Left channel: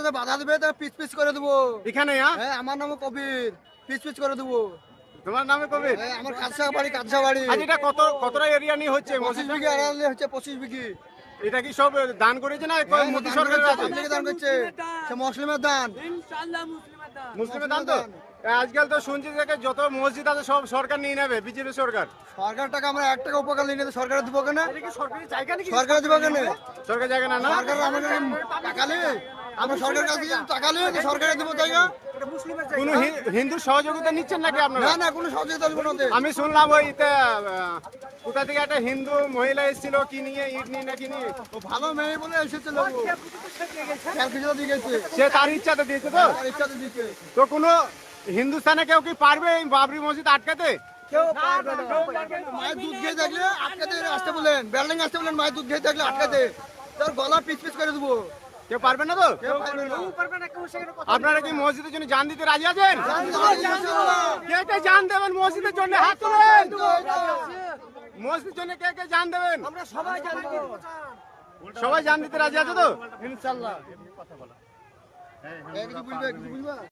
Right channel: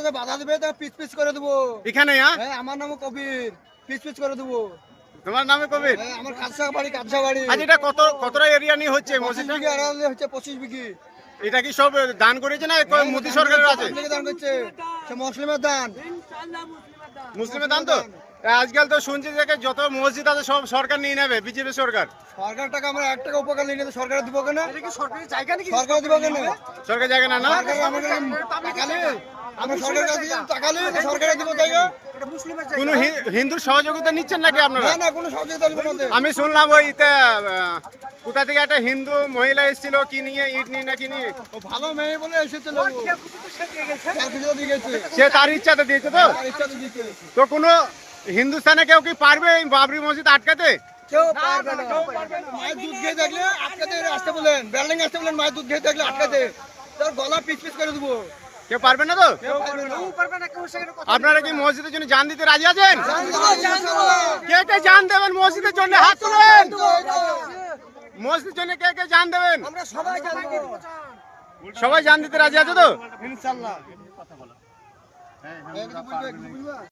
রাস্তাতে বাধা দিবে তাহলে পিচ পিচ করে দেবো। এখানে হ্যাঁ? হ্যাঁ, আমার নাম কবির, পিচ পিচ করে দেবো। তোমার নামে কবির? হ্যাঁ, আমার কাঁচা বাড়ি। আজ এটা কতটা এরিয়া নিয়ে হচ্ছে 25 মসজিদটা? বিঘি আড়ালে হচ্ছে 25 বিঘি। এটা কি সব দান করেছে না মোদী সরকারের আছে? পাবলিকে দান করছে, সে মুসলিমের দান। মুসলিমের দান তো? আজকাল তো শুনছি যে যত মসজিদ আছে সব সরকার নিয়ে নেবে, বিজেপি সরকার। সরকার টাকা আমরা 1 টাকা উপকার নিয়ে নিতে সরকার দিব কেন? সরকার দিব কেন? সরকার জায়গা না না? সরকার আমাদের টাকা নেই, আমরা সরকারের কাছে টাকা নেই তো সরকারে দিব জায়গা। কোন হিন্দু সহযোগিতা নিচ্ছেন নাকি আপনারা? না না, কোনো সহযোগিতা দিব না ওদের। আমি শুনলাম ওইতে কোথা থেকে একটা হিন্দু মহিলা এসেছিল কি নিয়ে, ইট নিয়ে নাকি নিয়ে। ও ভালো মেয়ে বলে এসেছিল, ও ক্যালকুলেটর দিয়ে গেছে, সে তার ইচ্ছাতে দিয়েছে তো? তার ইচ্ছাতে দিতে। তো কোনো হিন্দুস্তানে কেউ কি পারবে এই বাবরি মসজিদ আটকাতে? কেউ পারবে না। মায়ের দুধ খেয়ে থাকলে আটকাতে আসতে বলেন, বিল্ডিং আসতে বলেন, মায়ের দুধ খেয়ে থাকলে আটকাতে, তার গলা পিচ পিচ করে দেবো। কেউ পারবে না তো? কেউ পারবে না। আপনারা কি মসজিদের জন্য জান দিতে রাজি আছেন? কে কে জান দেবেন মসজিদের জন্য? হাত তুলেন। মসজিদের জন্য কে কে জান দেবেন? আমরা সবাই জানবো সবাই জান দিতে রাজি আছে তো? ইনশাআল্লাহ।